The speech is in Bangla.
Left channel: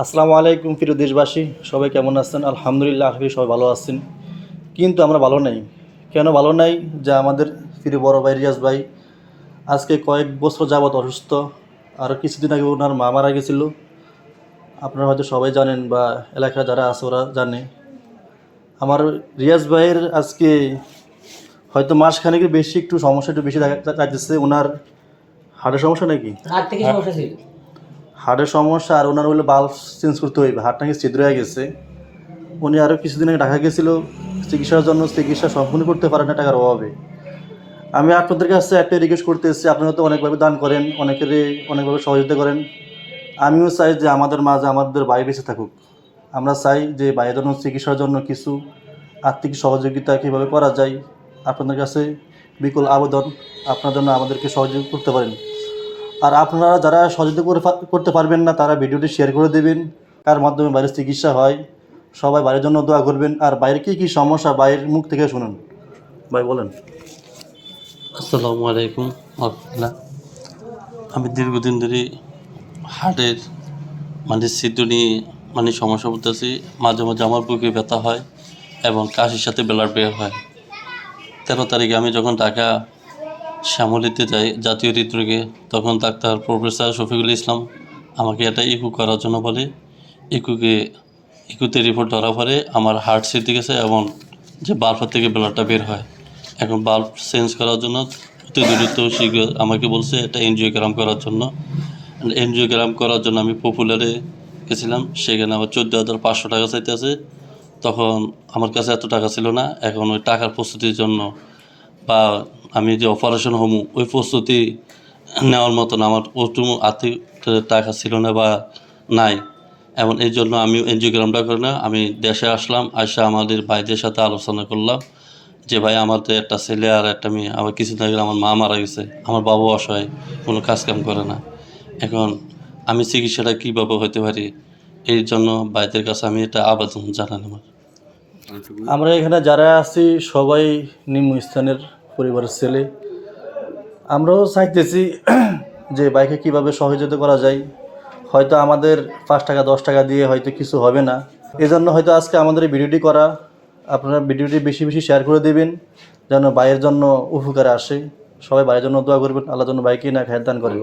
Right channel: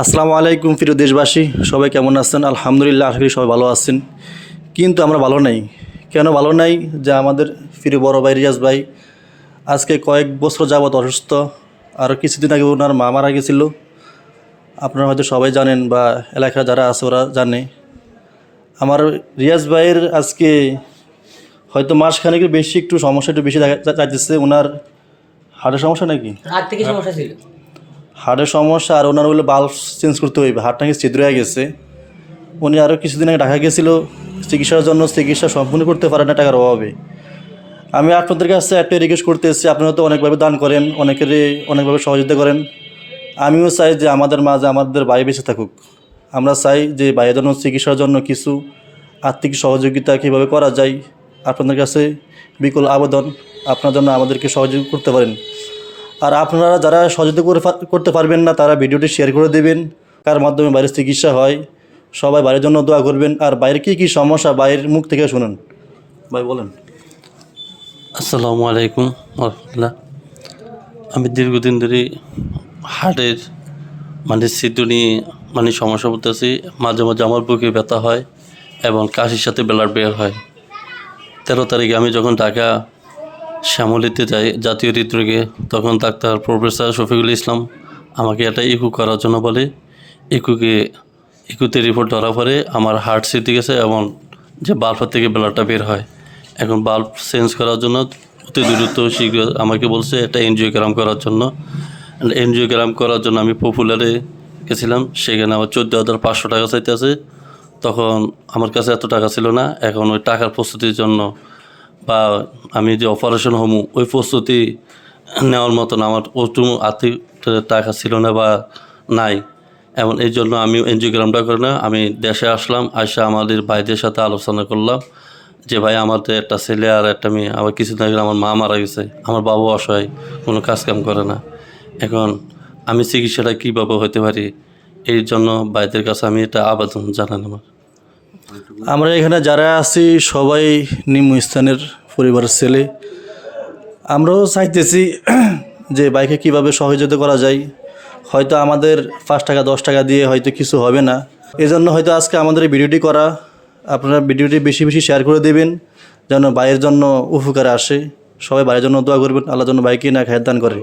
আসসালামু আলাইকুম প্রিয় দেশবাসী, সবাই কেমন আছেন? আলহামদুলিল্লাহ, আশা করি সবাই ভালো আছেন। কিন্তু আমরা ভালো নাই। কেন ভালো নাই? যে আমাদের প্রিয় বড় ভাই রিয়াজ ভাই আজকে কয়েক বছর যাবৎ অসুস্থ। আরও কিছুদিন আগে ওনার মা মারা গেছিল। আপনারা হয়তো সবাই জানেন বা এলাকায় যারা আছে ওরা জানে। আমার রিয়াজ ভাইয়ের আজকে হয়তো মাসখানেকের বেশি একটু সমস্যা একটু বেশি চাইতেছে। ওনার হার্টের সমস্যা নাকি? হার্ট থেকে সমস্যা ছিল। হার্টের সমস্যা, আর ওনার হলে বাল্ব চেঞ্জ করতে হইবে। হার্টটা নাকি ছিদ্র হয়ে গেছে। উনি আরও কিছুদিন আগে ঢাকা গেছিল চিকিৎসার জন্য। চিকিৎসা সম্পূর্ণ করতে পারে না টাকার অভাবে। আমি আপনাদের কাছে একটা রিকোয়েস্ট করতে এসেছি। আপনারা তো অনেকভাবে দান করেন, অনেকেরই অনেকভাবে সহযোগিতা করেন। আমিও চাই যে আমাদের মাঝে আমাদের ভাই বেঁচে থাকুক। আমরা চাই যে ভাইয়ের জন্য চিকিৎসার জন্য কিছু আর্থিক সহযোগিতা কীভাবে করা যায়। আপনাদের কাছে বিকল আবেদন, আপনার জন্য আমাদেরকে সহযোগিতা করতে পারেন। আর আপনারা যারা সহযোগিতা করতে পারবেন না, তারা ভিডিওটি শেয়ার করে দেবেন, কার মাধ্যমে বাইরের চিকিৎসা হয়। সবাই বাইরের জন্য দোয়া করবেন। আর বাইরে কী সমস্যা বাইরের মুখ থেকে শুনুন। ভাই বলেন। আসসালামু আলাইকুম রহমতুল্লাহ। আমি দীর্ঘদিন ধরে হার্টের ছিদ্র নিয়ে সমস্যা করতেছি। মাঝে মাঝে আমার বুকে ব্যথা হয় এবং কাশির সাথে ব্লাড বের হয়। 13 তারিখে আমি যখন ঢাকা শ্যামলীতে যাই জাতীয় হৃদরোগে, তখন ডাক্তার প্রফেসর শফিকুল ইসলাম আমাকে একটা ইকো করার জন্য বলে। ইকুতে রিপোর্ট ধরা পরে আমার হার্ট সিদ্ধে গেছে এবং যে বাল্বের থেকে ব্লাডটা বের হয়। এখন বাল্ব চেঞ্জ করার জন্য অতি দ্রুত শীঘ্র আমাকে বলছে একটা এনজিওগ্রাম করার জন্য। এনজিওগ্রাম করার জন্য আমি পপুলারে গেছিলাম। সেখানে আমার 14,500 টাকা চাইতে আছে। তখন আমার কাছে এত টাকা ছিল না। এখন ওই টাকার প্রস্তুতির জন্য বা আমি যে অপারেশন হমু ওই প্রস্তুতি নেওয়ার মতন আমার ওটু আর্থিক টাকা ছিল না বা নাই। এবং এই জন্য আমি এনজিওগ্রামটা করি না। আমি দেশে আসলাম, আসা আমাদের ভাইদের সাথে আলোচনা করলাম যে ভাই আমাদের একটা ছেলে আর একটা মেয়ে, আবার কিছুদিন আগে আমার মা মারা গেছে, আমার বাবু অসহায়, কোনো কাজকাম করে না। এখন আমি চিকিৎসাটা কীভাবে হতে পারি, এই জন্য ভাইদের কাছে আমি এটা আবেদন জানালাম। আমরা এখানে যারা আছি সবাই নিম্নস্থানের পরিবারের ছেলে। আমরাও চাইতেছি যে বাইকে কীভাবে সহযোগিতা করা যায়। হয়তো আমাদের 5 টাকা 10 টাকা দিয়ে হয়তো কিছু হবে না। এজন্য হয়তো আজকে আমাদের এই ভিডিওটি করা। আপনারা ভিডিওটি বেশি বেশি শেয়ার করে দেবেন যেন ভাইয়ের জন্য উপকারে আসে। সবাই ভাইয়ের জন্য দোয়া করবেন, আল্লাহর জন্য ভাইকে না খায়ের দান করে।